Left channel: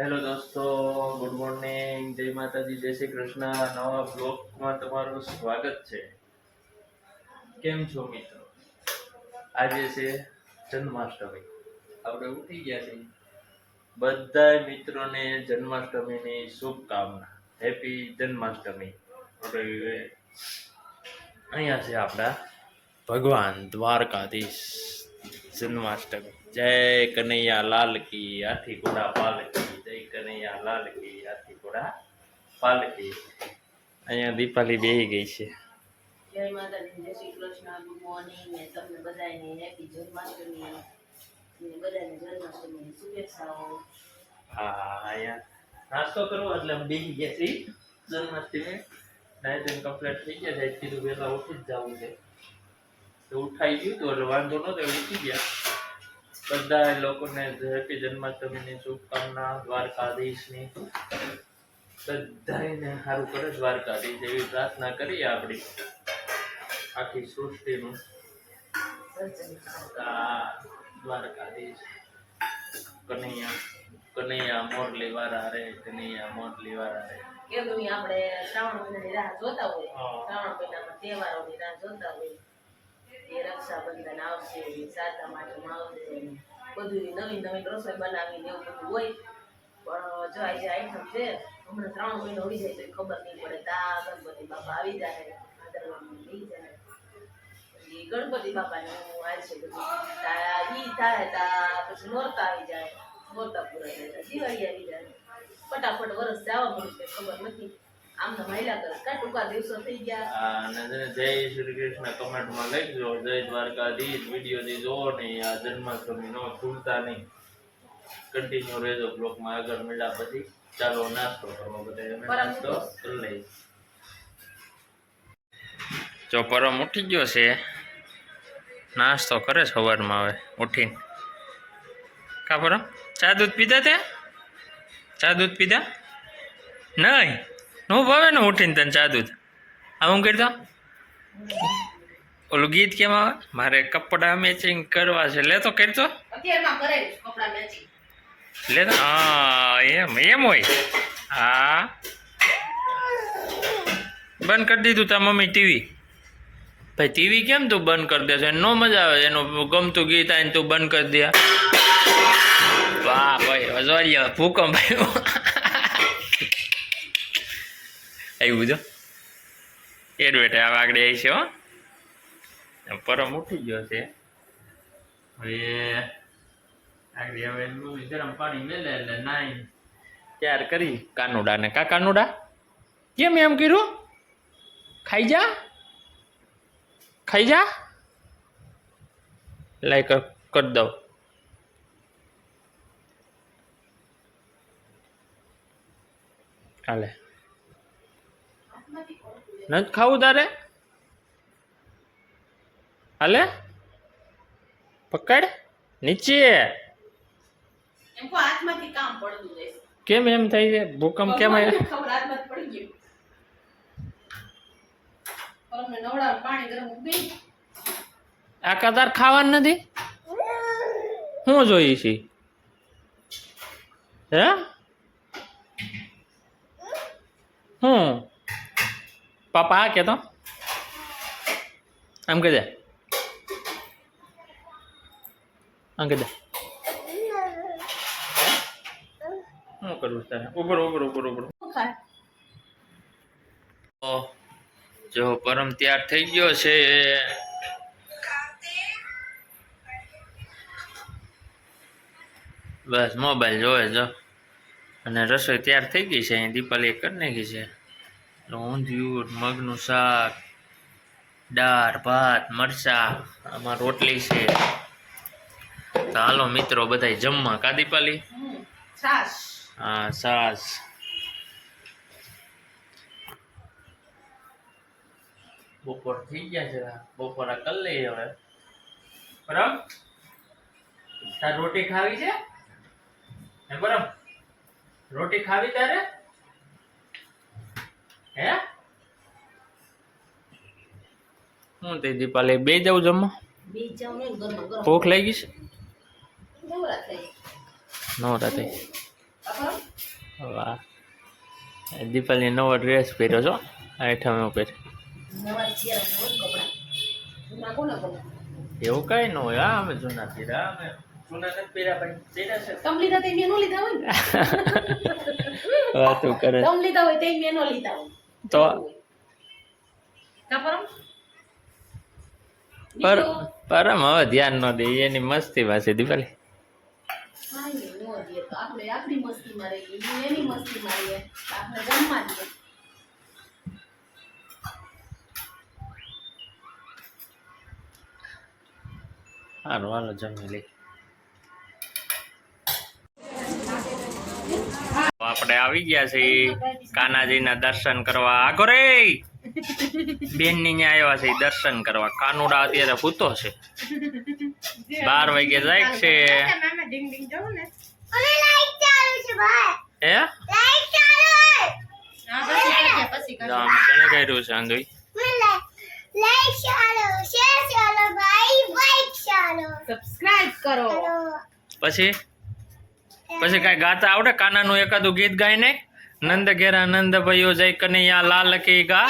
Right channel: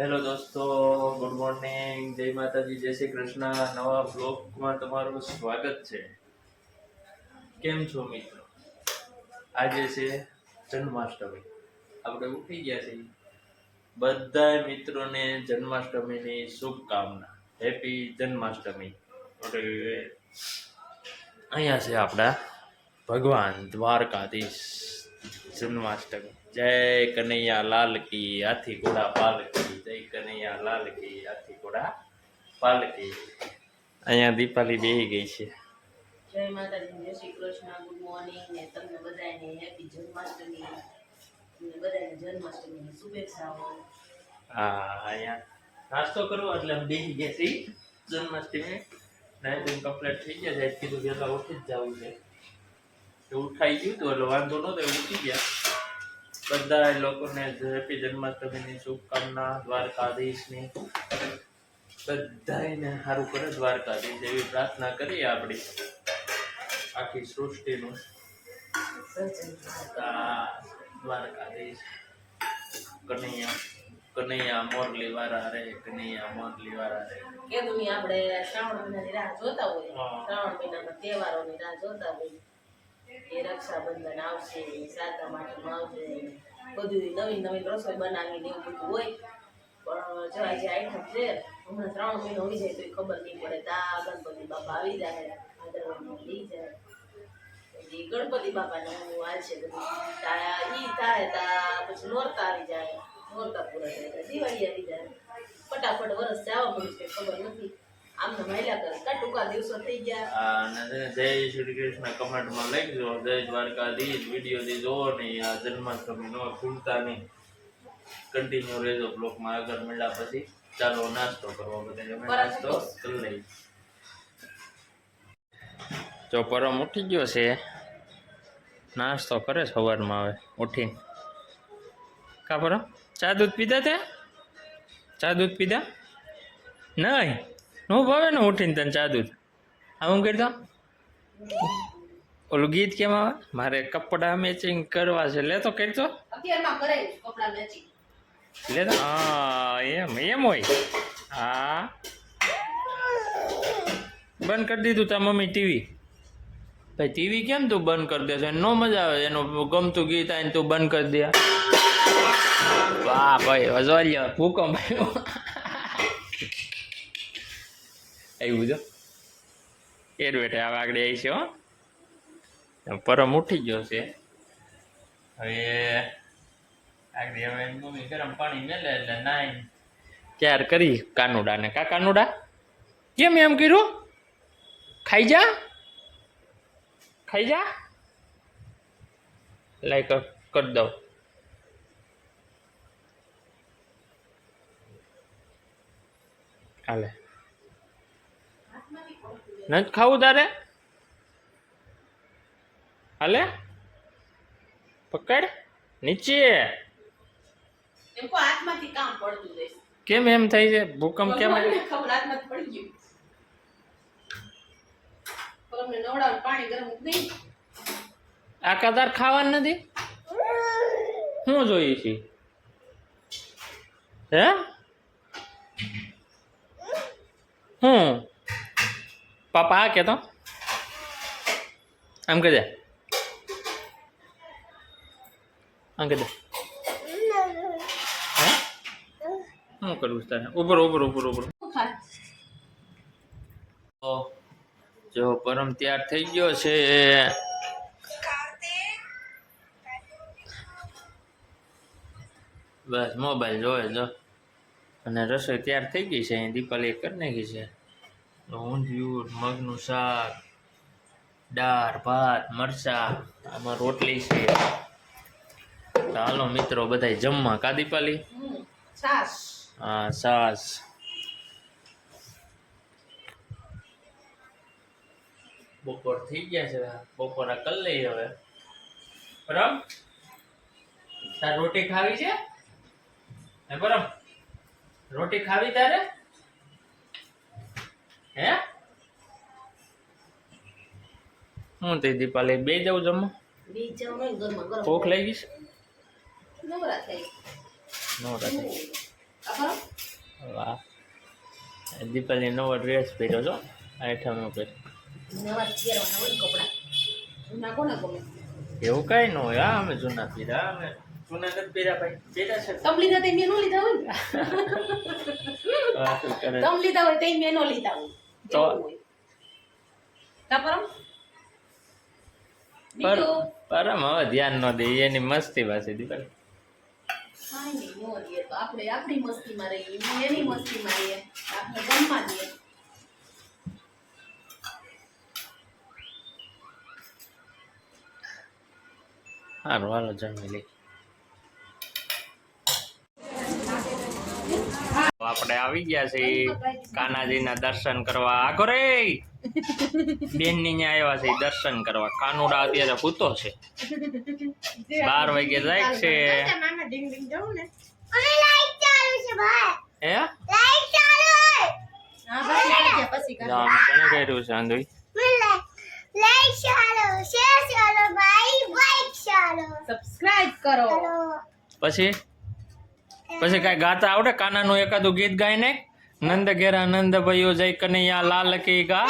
Hello દોસ્તો good morning જય માતાજી જય શ્રી કૃષ્ણ. નવા બ્લોગમાં તમારું સ્વાગત છે. કેમ છો મિત્રો? આજે છે જન્માષ્ટમી. આપણે ઉઠી ગયા છીએ. બધા મિત્રોને જન્માષ્ટમીની શુભકામના. હેપી જન્માષ્ટમી. અહીંયા છે આપણા ભગવાન દ્વારકાધીશ જન્માષ્ટમી. જય કનૈયા લાલ કી હાથી ઘોડા પાલકી જય કનૈયા લાલ કી હાથી ઘોડા પાલકી અહીંયા દીપાલી બેહી ગઈ છે. જય માતાજી જય શ્રી કૃષ્ણ ગુડ મોર્નિંગ. ને તમને બધાને હેપી જન્માષ્ટમી ને બધાને જન્માષ્ટમીની શુભેચ્છાઓ. હા અહીંયા નાસ્તો કરવો એટલે અમે બેસી ગયા છીએ જન્માષ્ટમી ધોઈને કમ્પ્લીટ થઈ ગયા છે. કીધું વહેલા ઉઠી જ જવું છે. ઉઠાઈ ગયું હતું એટલે વાંધો નહોતો ઉઠી ગયા. બધા લોકોને હેપી જન્માષ્ટમીની શુભકામના દ્વારકાધીશની. બધાને સારું કરે દ્વારકાધીશ એવી પ્રાર્થના કરીએ આપણી. આખી સૃષ્ટિનું. દ્વારકાધીશ. કનૈયા કનૈયા મોરલી વાળા રે કનૈયા મોરલી વાળા રે કીધું આપણે શ્રાવણ મહિનાની રાહ જોતા હોય. શ્રાવણ મહિનામાં તહેવારોની રાહ જોતા હોય. એ રક્ષાબંધન આવશે સાતમ આઠમ આવશે, બધું નવી નવી રસોઈ બનાવીને એવું બધું હોય. પણ જો આજે આઈટમ છે, હમણાં ત્રણ મહિનો હોય જાય તો ખબર નહીં પડે. તા ગણપતિ બાપા આવી જાય ભાદરવામાં લઈ જાય પછી ગણપતિ બાપાને હું આ છે બધું. તારા ઈ તારે તા પછી નોરતા આવી જાય. નોરતા પૂરા થાય દિવાળી આવી જાય. ફટાફટ વરસ જવા મળ્યું છે, ખબર નથી. આમને મહિલા કરે કા ટૂંકા દિવસો થઈ ગયા. અને છે જય શ્રી કૃષ્ણ કમેન્ટમાં લખજો. જય દ્વારકાધીશ વીડિયો થી જોવો નહીં આ જન્માષ્ટમી નો ભૂલતા નહીં. કન્ટિન્યુ રહેજો બ્લોકમાં આગળ મળ્યા પછી. ચાલો નાસ્તો કરવો બધા. અમે નાસ્તો કરી લઈએ. જો પરમ ઉઠી ગયો છે. નાસ્તો કરે સવારમાં હવે ઉઠીને. કા પરમ? ચા દૂધ પીધા તે? ચા દૂધ પીધા? નહીં. નો ભાવે ને ઉઠીને તને ચા દૂધ. આ હું કરતો? ઓલું ગીત કેમ આવે? મારે કપડા મેચિંગ કરવા છે. લે તો કરતો લે તો. હા એમ એમ હોય. હા. બંધ કરી દીધું તા મમ્મી ટીવી. ભાઈ ટીવી કેમ તું બંધ કરી દે છે? નો મજા આવે એનું ગમતું ગીત આવીને તું બંધ કરી દે. વાહ ભાઈ અજવાલિયા ભૂકંપ આવ્યો. આવ્યું જો એડવેટ આવે આગળ આવી છે હો. પરમ ઉઠી ગયો છે. હવે આગળ હવે મમ્મી ગરમ પાણી મેલે એટલે નાઈ. ત્યાર કરી કાનુડાને. કા કાનુડા? કેમ એમ કર્યું? ખાઈ જા. ખાઈ જા. લાઈક કરી દઉં. હાલે. નથી ખાવું તારે? હાલે? પકડ. નીચે. કામ એમ થાય છે? ભૂકંપ કેમ આ કદાર ખાવાનું નથી? હું જોઈએ છી? હે? હું? પાપા આ કહેતો આમ કહી દે આમ કહી દે શું કરવું તારે ઉભર ઉભર ઉભર તો જો પરમ તૈયાર થઈ ગયો છે બસ મોબાઈલ જોવે જો અને રસોઈ તૈયાર થઈ ગઈ છે, અહીં દીપાલી કરી નાખી છે। ઊંધિયું મગનું શાક દાળ ભાત મરચા આમાં રોટલી છે. તો હાલો મિત્રો બધા જમવા. કા દીપાલી? હમ છાશ. હા સાસ બપોર થઈ ગયા છે. બપોરા કરી લઈએ હવે. પરમ? તાર રોટી ખાવી છે? હે પરમ? રોટી ખાવી તારે? હે? હું તે દીપાલી બે જાઉં જમવા? બે જાઉં નહીં ગરમા ગરમ ભૂખ લાગી છે? નવરા થઈ નવરા રાતે વાહ. દીપાલી નવો ડ્રેસ પહેર્યો છો? આઈટમ ઉપર. નવા કપડાં. કોને એવું કઈ ન હોય. હા અમે જૂના પીરા અમે જૂના નથી પીરા ભાઈ. પીરા છે. તમ લીધા તે મેં નો લીધા હોય ને? વાતું કરે. તમ લીધા હોય તે મેં નો લીધા હોય. તો- પર? પરમ હવે ધ્યાન ન દે એની મસ્તી પાસે દીપાલી આપણે આપણી મસ્તીમાં રહીએ એની મસ્તીમાં રહીએ આપણે ગમમાં દઈએ. સારું હાલો જમી લઈ આપણે આવી ગયા છે કાનાજીના દર્શન કરવા. આગો રે! બેનની આવ્યા છે દર્શન કરવા. કાનુડા અત્યારે પૂતો છે. બાર વાગે જાય છે. હે? જો આમ કર્યું છે સબસ્ક્રાઇબ કરો. પછી? પછી કઈ ગાતા આવડે? કાનાનું એકાદું ગીત ગાય ને નંદ ઘેરા નંદ ભાઈઓ જય કનૈયા લાલ કી ગા.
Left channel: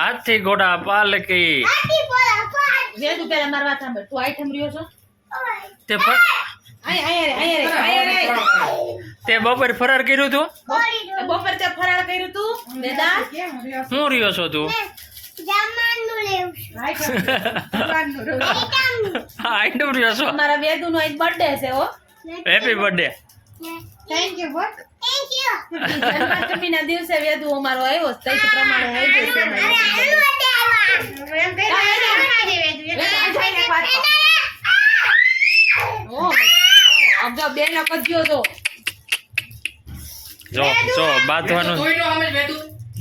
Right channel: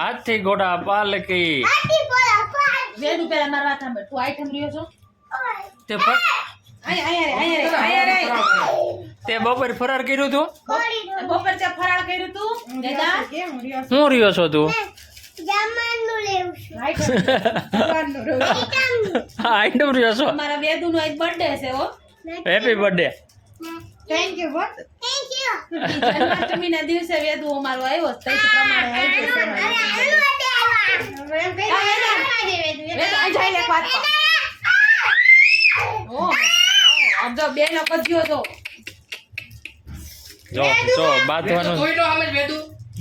હાથી ઘોડા પાલકી તું આઈટમ રહ્યો છો? તે ફર આયા આયા રે આયા રે આયા રે તે બપોર ફરાર કર્યું તું? બપોર ફરાર કર્યું તું? હું રહ્યો છો તું? હા આઈટમ રહ્યો છો. અમારા વેદુ એક બર્થડે છે હો. હેપી બર્થડે દિવસે વેદુ અમારો આવ્યો છે તે પ્રમાણે આવી જશે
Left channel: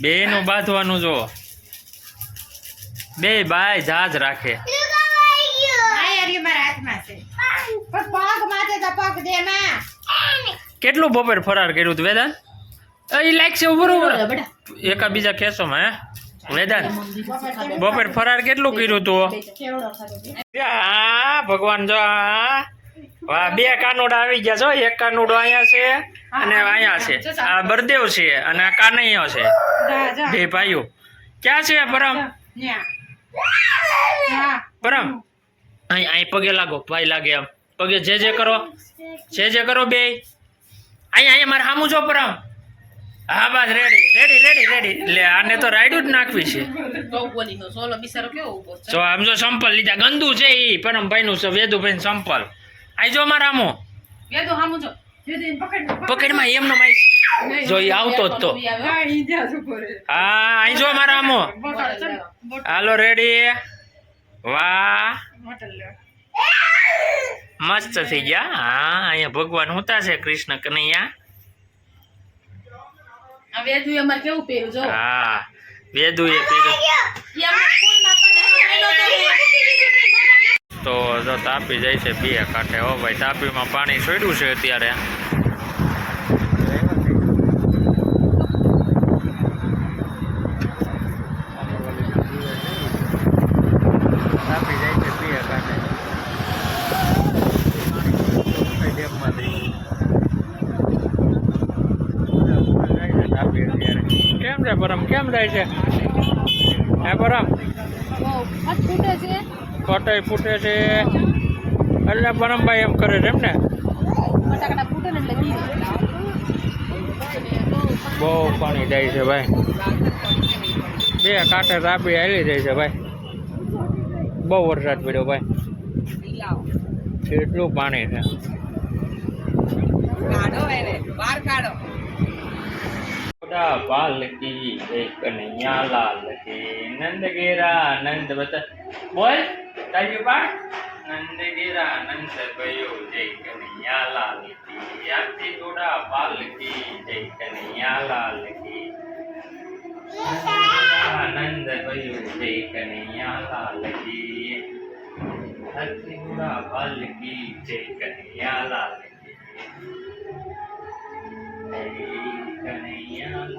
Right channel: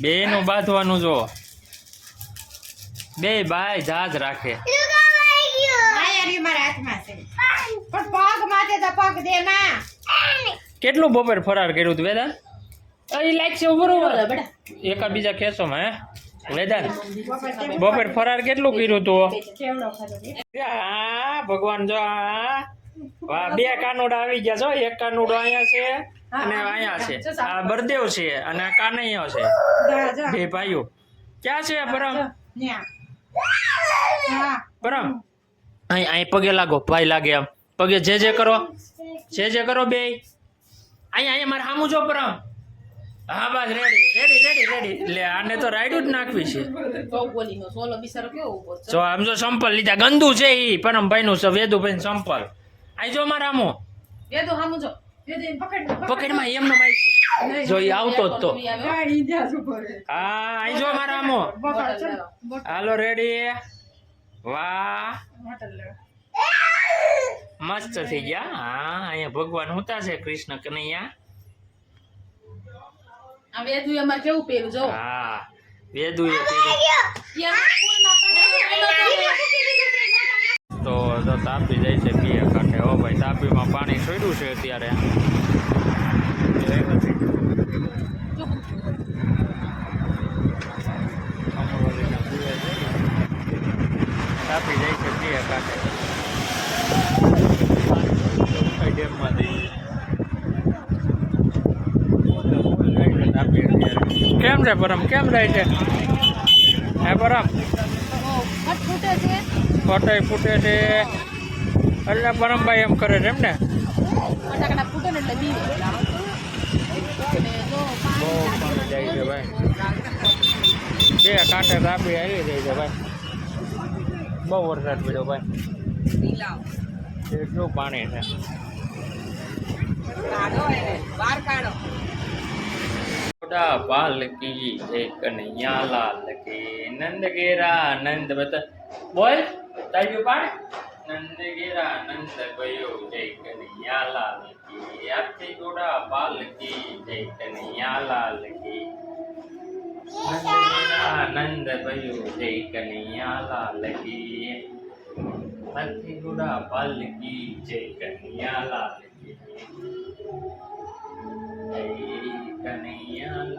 બે નું બાંધવાનું જો. બે ભાઈ જાજ રાખે. કેટલું બપોર ફરાર કર્યું તું વેદાંત? એ લાઈક છે બરોબર બેટા એકા બીજા હે? વેદાંત બપોર ફરાર કેટલું કર્યું તું? આ ભગવાન જો આ વાહ બે કાનુડા આવી ગયા છો. એક કાનુડો અહીંયા છે અને અહીંયા છે. આ બરદેવ છે અને આ કાનૈયો છે. બે ભાઈઓ. ક્યાં છે પરમ પરમ અહીં અહીં પગે લાગો ભાઈ લાગે એમ પગે જે જે કરો જે જે કરો બે. અહીંયા અહીંયા મારે સામું જો પરમ. હા બસ રેડી રેડી રેડી રેડી એટલે આને તો રાયડું જ નાખવી છે. ચૌબોલી નો સોલો બિચારો કેવો ઊભો છે? જો આમ જો સંપલ લીધા ગંદુ છે એ પરમભાઈ નું છે વેદુભાઈ સંપલ. આઈ જો મારા આમો વેદુ સામું જો. પકડમાં એમનો માય છે. જો એ આવતો જ તો. હા અહીં જો મારા આમો. હાલો રેડી વાહ. મસ્ત થઈ ગયા. હા અહીંયા ભગવાન હુતા છે કૃષ્ણ કનૈયા. હા વેદુ એ પહેર્યું ઈ આપણે સ્કૂલમાં પહેરેલું તો જો તાપી જાય છે બે કાંઠે. હો ભાઈ, તાપીમાં પાણી છોડ્યું છે અત્યારે. તાપી જાય છે બે કાંઠે. ડેમમાંથી. કેમ છે પરમ? કેમ જાય છે? હે પરમ? છે. ફટાઈ ફૂટે છે. એટલે પરમભાઈ એમ કરે છે એમ ને? ફટાકડા ફૂટે ને એટલે બી બહુ પાણી જાય છે ભાઈ. બે કાંઠે તાપી હાલી જાય છે ભાઈ. બહુ વરસાદ પડ્યો ભાઈ. એટલું પાણી છે. કાઢો. કનૈયા લાલ કી નંદ ગેરા નંદ બતા બોલ તારી પાડ નંદ ગેરા નંદ ભયો જય કનૈયા લાલ કી આથી ઘોડા પાલકી જય કનૈયા લાલ કી નંદ ગેરા નંદ ભયો જય કનૈયા લાલ કી હાથી ઘોડા પાલકી જય કનૈયા લાલ કી જય કનૈયા લાલ કી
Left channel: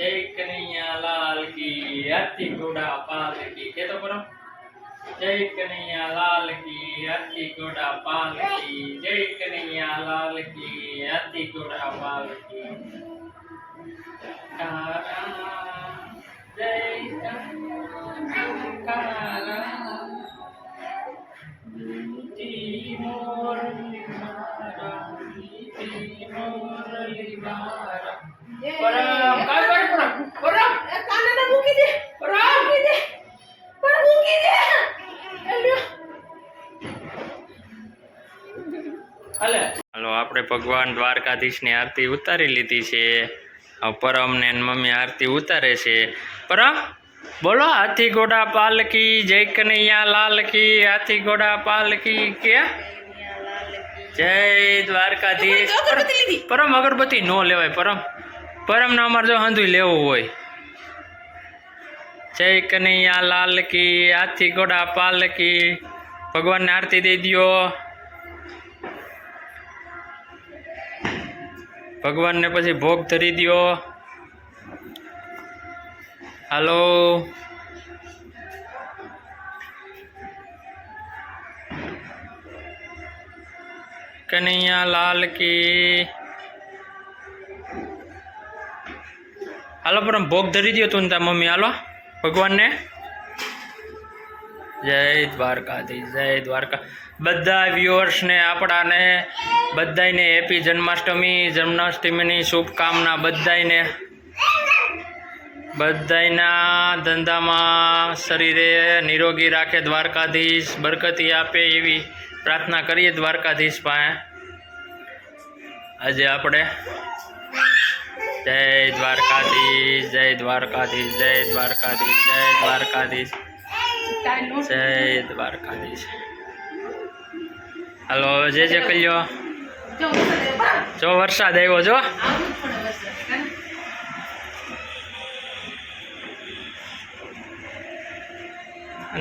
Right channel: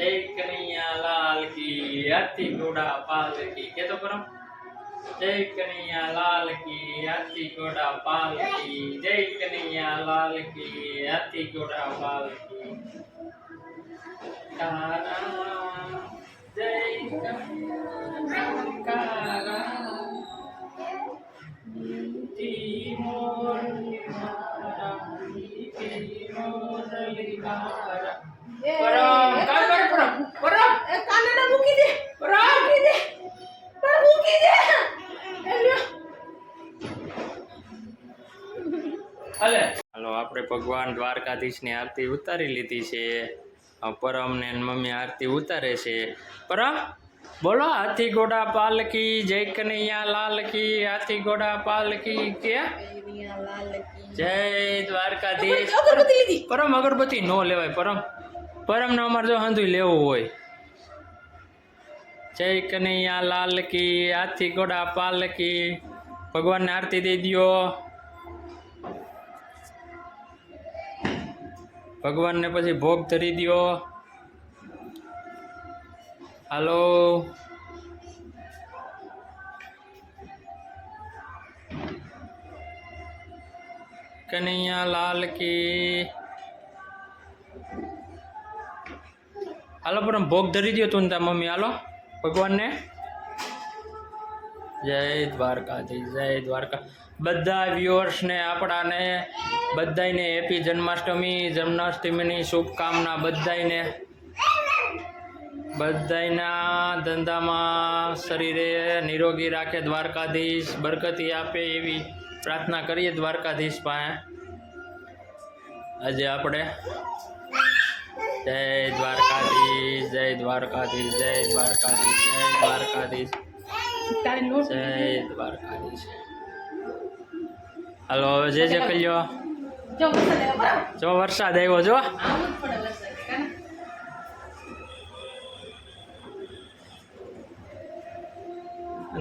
જય કનૈયા લાલ કી હાથી ઘોડા પાલ કી કે તો પરમ જય કનૈયા લાલ કી હાથી ઘોડા પાલ કી જય કનૈયા લાલ કી હાથી ઘોડા પાલ કી તારા જય કારા મીઠી મોરલી મારા મીઠી મોરલી મારા ભગવાન દ્વારકાધીશની આરતી ઉતારી લીધી છે. પરમ ને મમ્મી આરતી ઉતારે છે. પરમ બોલો હાથી ઘોડા પાલકી જય કનૈયા લાલકી હાથી ઘોડા પાલકી કે? જય દ્વારકાધીશ. પરમ અગરબત્તી નો લેવાય પરમ. પરમ ને અમારે જો હંધુય લેવું હોય. જય કનૈયા લાલ કી હાથી ઘોડા પાલકી ભગવાનને આરતી દઈ દ્યો. ભગવાનને પછી ભોગ ધરી દો હાલો. કનૈયા લાલ કી. હાલો પરમ ભોગ ધરી દ્યો તું તાર મમ્મી. હાલો, ભગવાનને. જય દ્વારકાધીશ, જય દ્વારકા. બધા વ્યુઅર્સને, આપણાને, બધાયને હેપી જન્માષ્ટમી, જન્માષ્ટમીની શુભકામના બધાયને. બધાયના ધંધામાં શરીરે નિરોગી રાખે દ્વારકાધીશ, બરકતી આપે એવી પ્રાર્થના કરીએ દ્વારકાધીશ પાસે. આજે આપણે જય દ્વારકાધીશ જય દ્વારકાધીશ જય દ્વારકાધીશ જય દ્વારકાધીશ જય દ્વારકાધીશ. હાલો જે જે કલ્યો જો વરસાદ આવ્યો જો.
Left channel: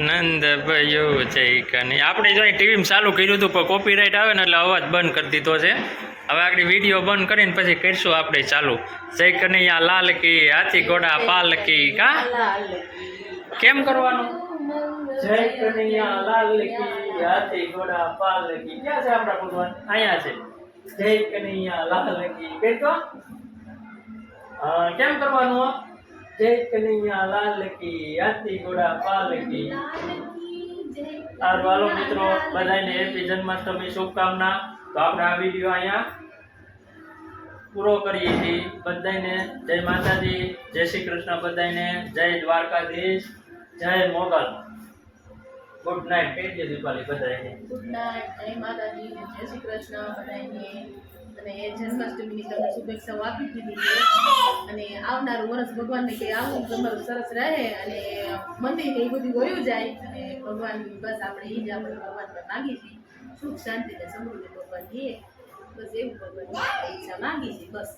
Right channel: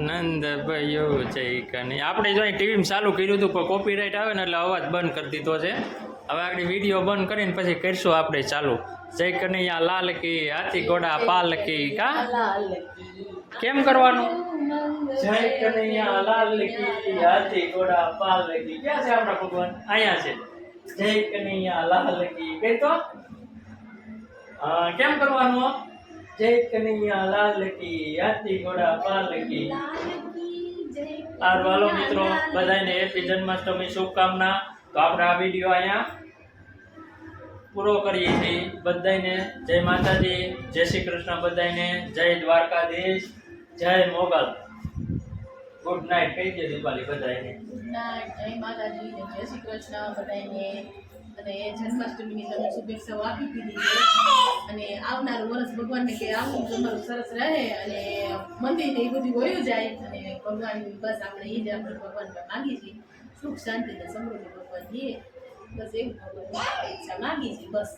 નંદ કાને? જય કની. આપણે જો ટીવીમાં ચાલુ કર્યું હતું પણ કોપીરાઇટ આવે ને એટલે અવાજ બંધ કરી દીધો છે. હવે આગળ વીડિયો બંધ કરીને પછી કરીશું આપણે ચાલુ. જય કનૈયા લાલ કી હાથી ઘોડા પાલ કી કા. કેમ કરવાનું? જય કનૈયા લાલ કેમ કરવાનું જય કનૈયા લાલ કી હાથી ઘોડા પાલ સારું હાલો મિત્રો બધાને હેપી જન્માષ્ટમી શુભકામના તો આપણે આ વીડિયો અહીંયા પૂરો કરીએ છીએ બધાને જય માતાજી, જય શ્રી કૃષ્ણ બધાને, જય દ્વારકાધીશ. જય મોગલ. ગુડ નાઇટ કહી દે દીપાલી બધાને ગુડ નાઇટ જય માતાજી ને જય શ્રી કૃષ્ણ બધાને અને જન્માષ્ટમીની તમે શુભેચ્છાઓ આપી દીધી છે. અને આવનારું વર્ષ ભગવાનને કે આવું તમારું સરસ રહે અને મંદિર એ બધું વયું જાય. અને ભગવાનની બસ આપણે એ જ આપણે ભગવાન પર માગી છીએ. સુખ શાંતિ ને સમૃદ્ધિ ભગવાન દે બસ એવું ભગવાન ઈચ્છા માગી છીએ. બસ.